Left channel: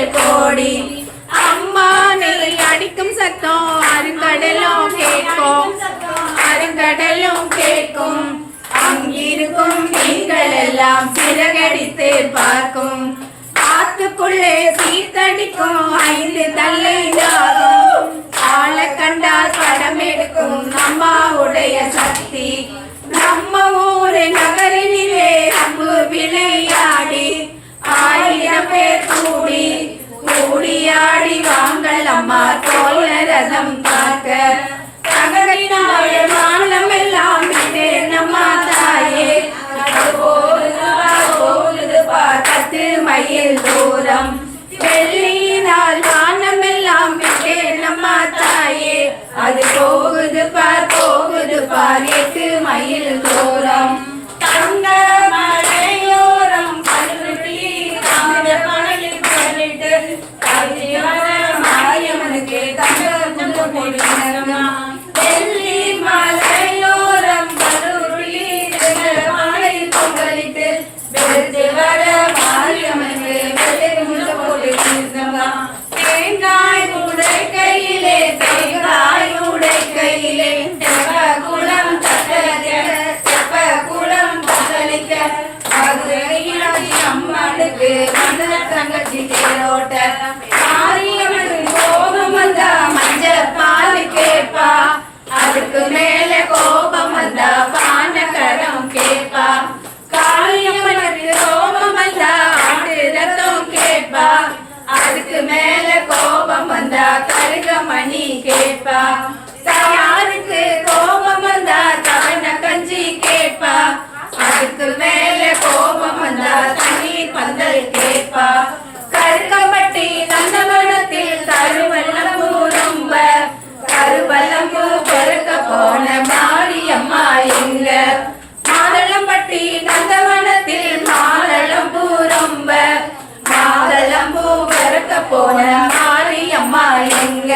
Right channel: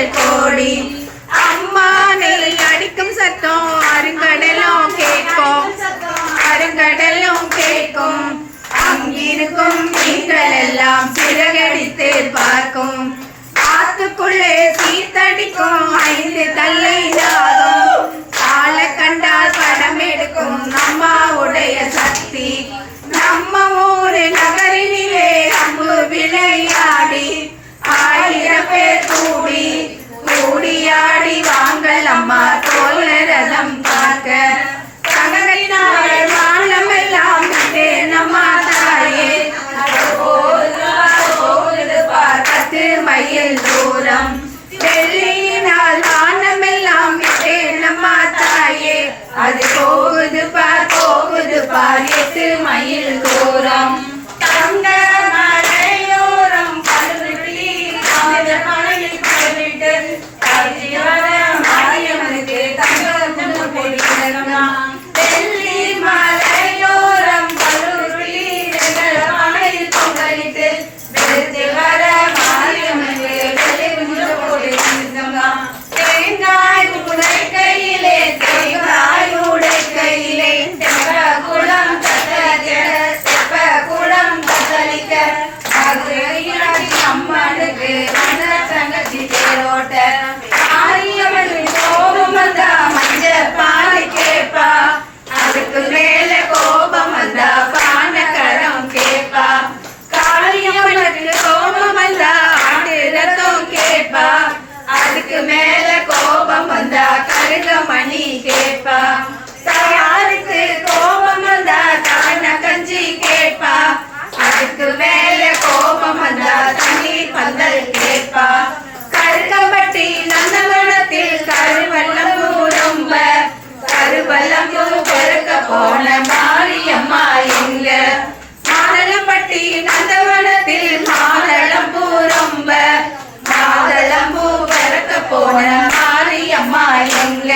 நன்மைகள் கோடி. அம்மானை அடிக்கும் சத்தம் அருங்கடலும் கேட்கும், அருங்கடலும் கேட்கும். அங்கிருக்கும் மீன்கள் எல்லாம் சிறகடித்து பார்க்கும். ஆத்துக்குள்ளே சீத்தடிக்கும் 5 தள்ளை தாகும். ஆள கண்டால் படம் எடுக்கும் அம்மாவுடைய சக்தி. நம்ம ஊரு நகரினிலே அம்பு விளையாடி 1000 பேர் கூடி கூடியாடி வாங்கள் அம்மா தோல்ல ரதம் பார்க்க. தங்கத்தினாள் வானம் எல்லாம் விட்டே நம்மா தாயே 10 மைல் தூரம். வெள்ளியினால் வானம் எல்லாம் விட்டே நம்மா தாயே அது போகுது பார் 8 மைல் தூரம். தங்க மலையோரம் கல்வெள்ளி தமிழ மலையில் கேட்டு மாரியம்மனுக்கு தங்க போடுகிறோம். வெள்ளி மலையோரம் கல்வெள்ளி மலையில் பொங்கலிட்டு வெற்றி வர மாரியம்மனுக்கு போடுகிறோம். தேங்காய் உடை கையிலே தேங்காய் உடை கையிலே குளம் தத்தளிக்க அம்மனுக்கு மதுர தங்கச்சி தேரோட்ட. மாரியம்மனுக்கு கோபம் வந்தா மஞ்ச பால் கேப்பா, அதுக்கு மேல கோபம் வந்தா பானகரம் கேப்பா. காளியம்மனுக்கு கோபம் வந்தா ஆட்டு ரத்தம் கேப்பா, அதுக்கு மேல கோபம் வந்தா கருகமணி கேப்பா. தயாருக்கு கோபம் வந்தா கவன கஞ்சி கேப்பா, அதுக்கு மேல கோபம் வந்தா தண்ணீர் பந்தல் கேப்பா. கருக்கம்பட்டி நந்தவனத்தில் கருவல்லம்பூ ரொம்ப கருவல்லம்பூ பெருக்க போன மாரியம்மா எங்க. மாதளம்பட்டி நந்தவனத்தில் மாதளம்பூ ரொம்ப மாதளம்பூ பெருக்க போன மாரியம்மா எங்க.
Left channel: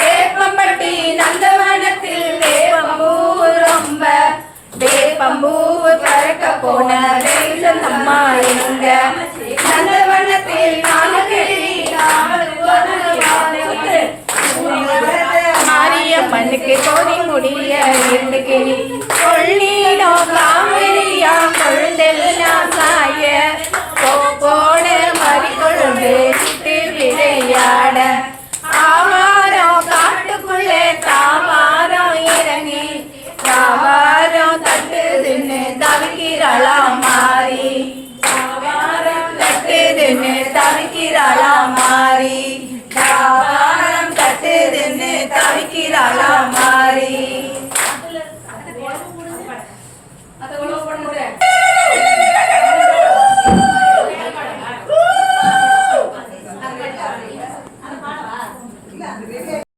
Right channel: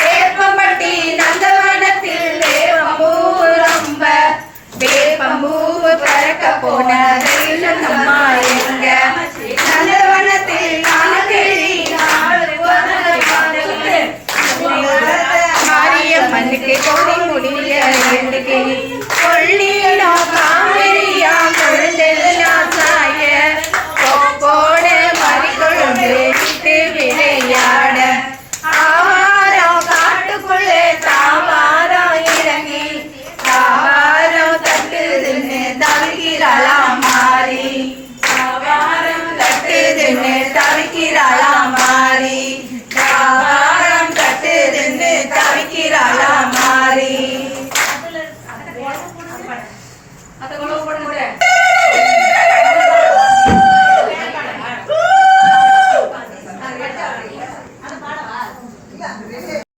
வேப்பம்பட்டி நந்தவனத்தில் வேப்பம்பூ ரொம்ப வேப்பம்பூ பறக்க போன